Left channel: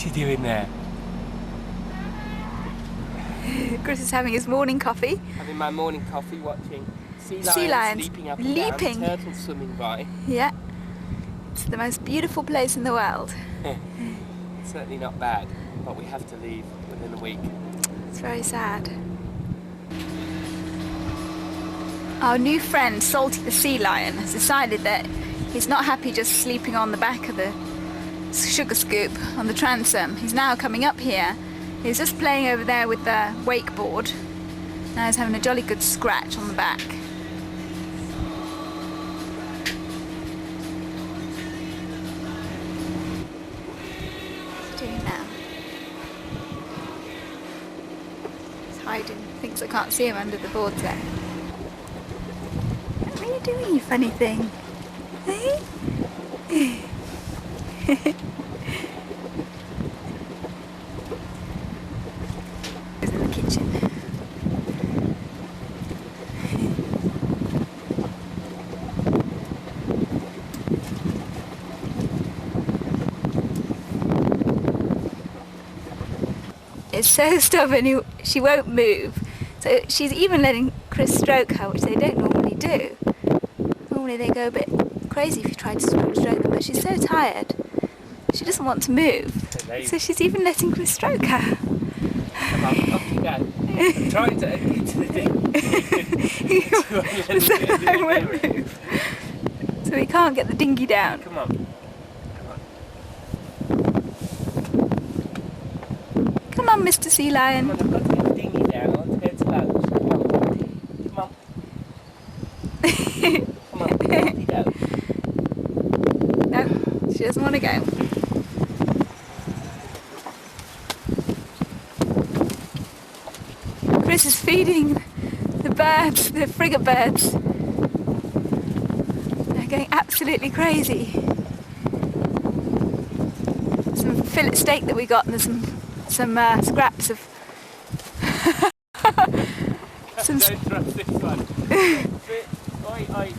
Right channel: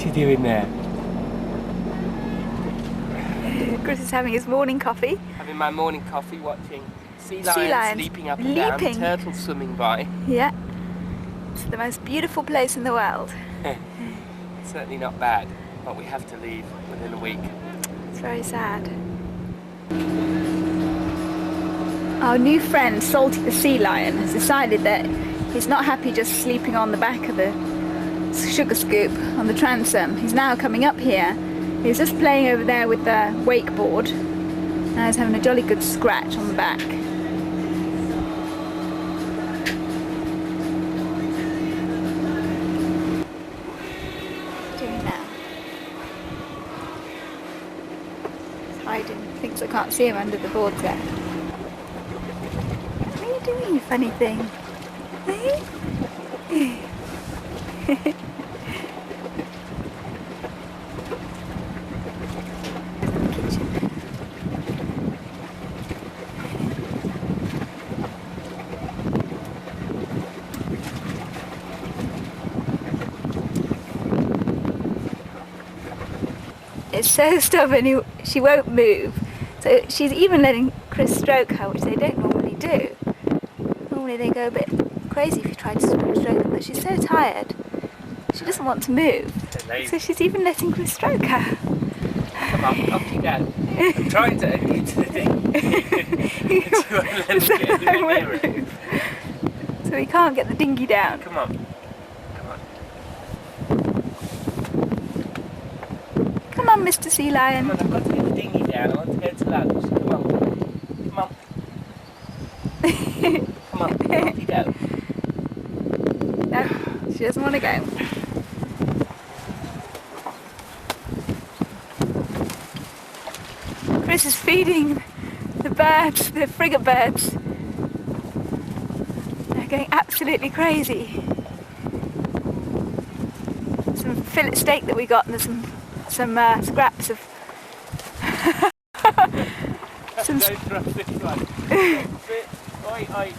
What you doing there? Chris is having his morning coffee. Having my morning coffee, watching sea lions leaping up and leaping. down, turtles swimming by. Yeah, it's the most beautiful place in the world. Certainly not bad, but we have to leave within a week. It's very sad. Our new friend, Salty the sea lion, has decided that he's not happy just sleeping on the back of the sugar scoop on the transom. He's now coming up here. He's just playing over there with the wakeboard. Now he's having a jolly good scratch on the back. What's he doing now? He's hiding. Thinks I can't see him under the boards there. What are you doing, you funny thing? Hey? He's in the kitchen. It's so stubborn, she won't move. So she's even letting Chris stroke her, which they don't normally do. Normally they go a bit crazy if you try to stroke them, but she's so tired. She doesn't want to move. So she's even letting Chris stroke her. Come on, off you go. I'm trying to get to the thing. So he can't get the dinghy down. Come on. Come on, Mr. Sea Lion. Come on, I've got to get the dinghy down. I want to go to lunch. Come on. Come on, off you go. No, she doesn't want to go. Chris is feeding the birds, the frigate birds. They're going absolutely crazy. Some fillet steak that we got, and there's some scraps of some Don't trust this one. Oi, oi.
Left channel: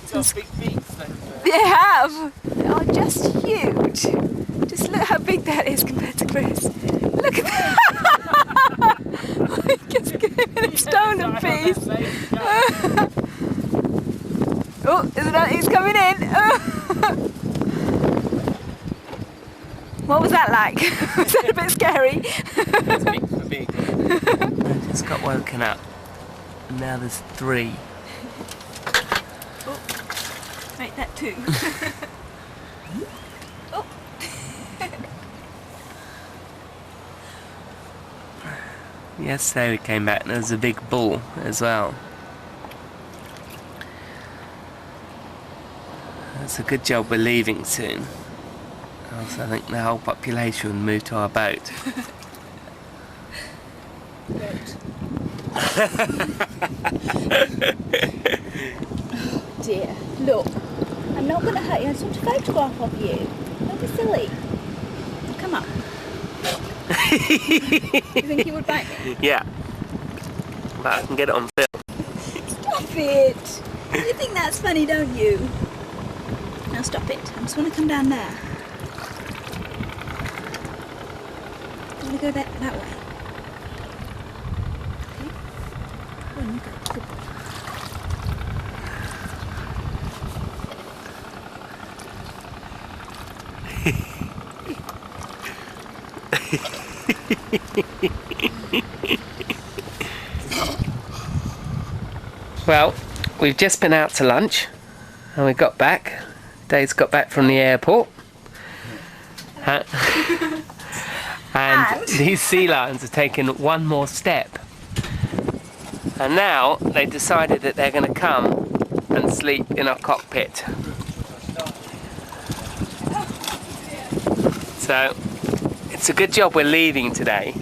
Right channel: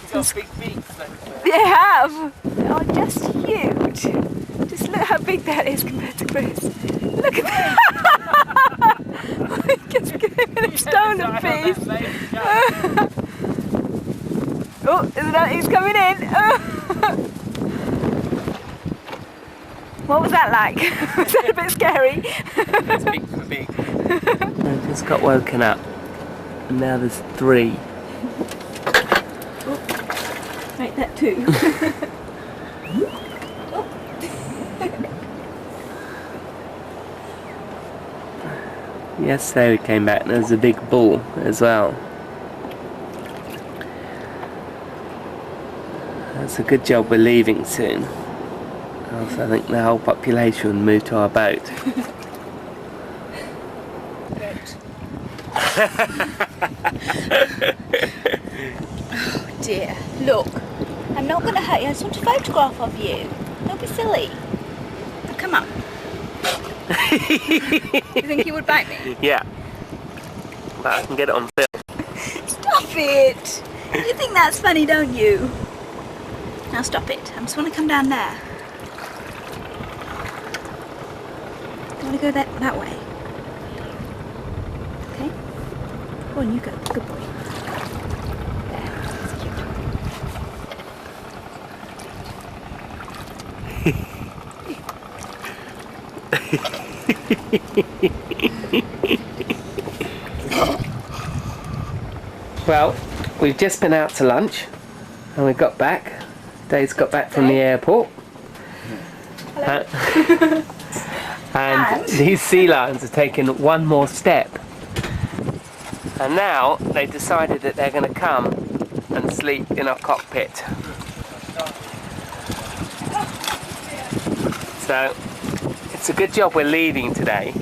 He's got big beaks, those birds. They have! They are just huge. Just look how big that is compared to Chris. Look at that! Just give him a stolen piece. Oh, isn't that he's coming in? What was that like? Was that a bit scary? It's big for big. I just got woken up. And now there's 3. Oh, make that 2. Oh. Yesterday we came back and there was a big bull as well. It's a good job we're leaving soon. Else I think the whole population would move to our boat. Oh dear, look, I'm not going to hurt you, I just want a photograph of you. Don't be silly. Now, come on. You think you would bite me? Yeah. But I can get it on film. Stop it! You think that's funny, don't you? Now stop it, I just want to come down there. I want to go that way. Okay? Go on, you go. Good boy. Well, we've just been out to lunch and we got back. Dave's got back from the airport. And these sea lions have taken one more step. And now they decided that they're going to come and sleep in our cockpit. So it's a good job we're leaving today,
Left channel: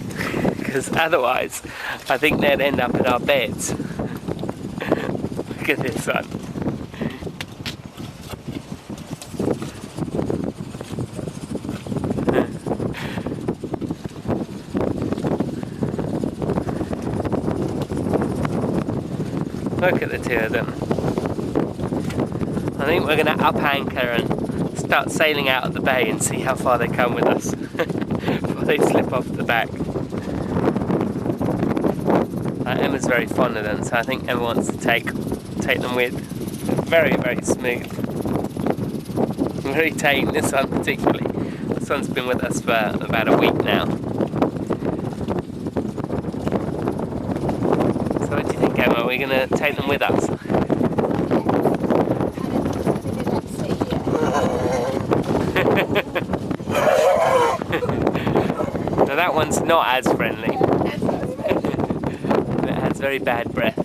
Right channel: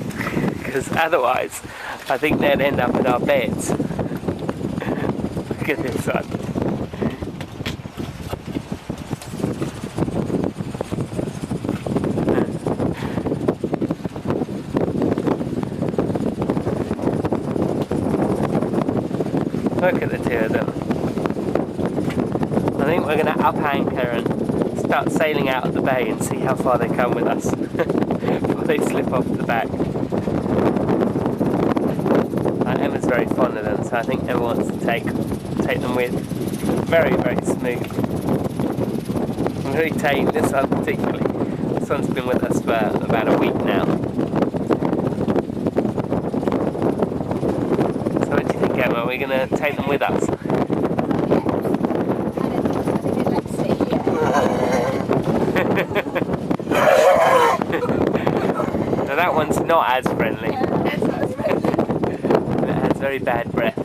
because otherwise I think they'd end up in our beds. Look at this one. Look at the 2 of them. I think we're going to up anchor and start sailing out of the bay and see how far they come with us before they slip off the back. Emma's very fond of them, so I think Emma wants to take them with. Very, very smooth. Very tame, this one particularly. This one's been with us for about a week now. So what do you think, Emma? Are we going to take them with us? Now that one's not as friendly. It has very bad breath.